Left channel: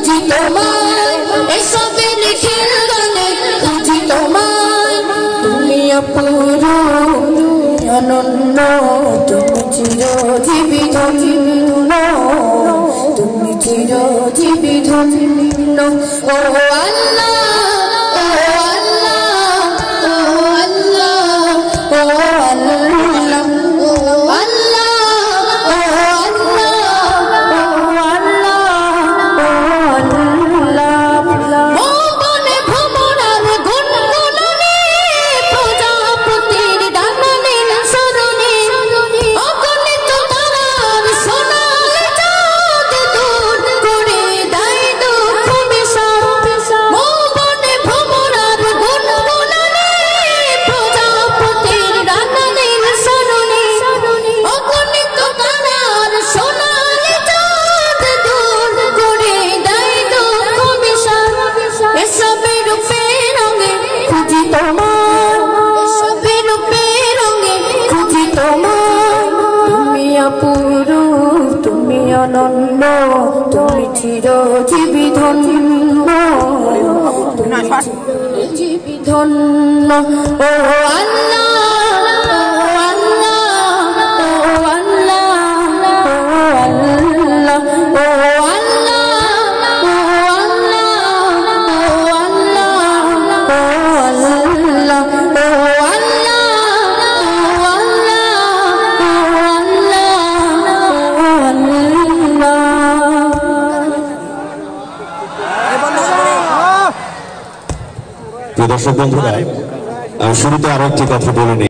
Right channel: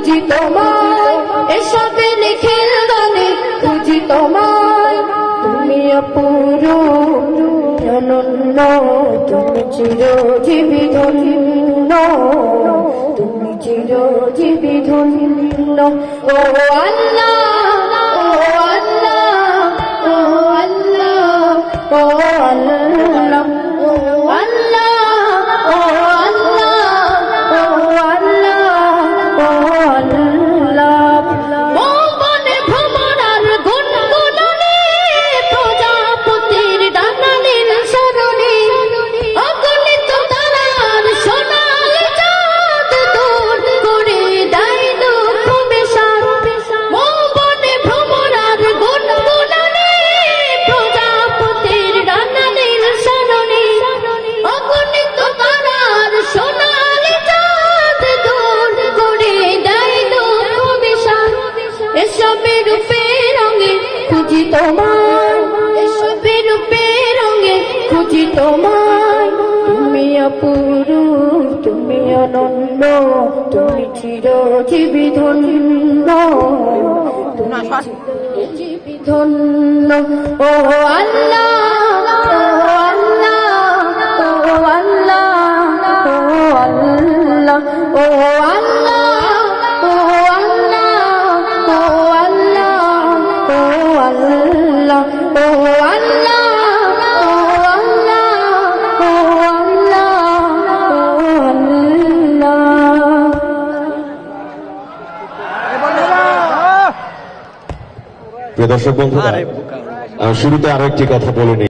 খুঁজি তোমায় এসবে লিখির গানে খুঁজি তোমায় তুমি অপূর্ব অনন্য তুমি চিরজীবী ধন্য তুমি চিরজীবী ধন্য ও আল্লাহ ও আল্লাহ ও আল্লাহ ও আল্লাহ ও আল্লাহ ও আল্লাহ ও আল্লাহ মনে ভ্রমণার গুনগুননে প্রজাপতির ডানানির স্মরণে অগণিত তারার সোনালি চাঁদ দূর করে দেয় দুঃখ বিষাদ মনে ভ্রমণার গুনগুননে প্রজাপতির ডানানির স্মরণে অগণিত তারার সোনালি চাঁদ দূর করে দেয় দুঃখ বিষাদ এসবে রূপে রঙে খুঁজি তোমায় এসবে রূপে রঙে খুঁজি তোমায় তুমি অপূর্ব তুমি অনন্য তুমি চিরজীবী ধন্য চিরজীবী ধন্য ও আল্লাহ ও আল্লাহ ও আল্লাহ ও আল্লাহ ও আল্লাহ ও আল্লাহ ও আল্লাহ ও আল্লাহ প্রিয় দর্শক বন্ধুরা, শুরুতে আরো একটি কথা বলে নিই।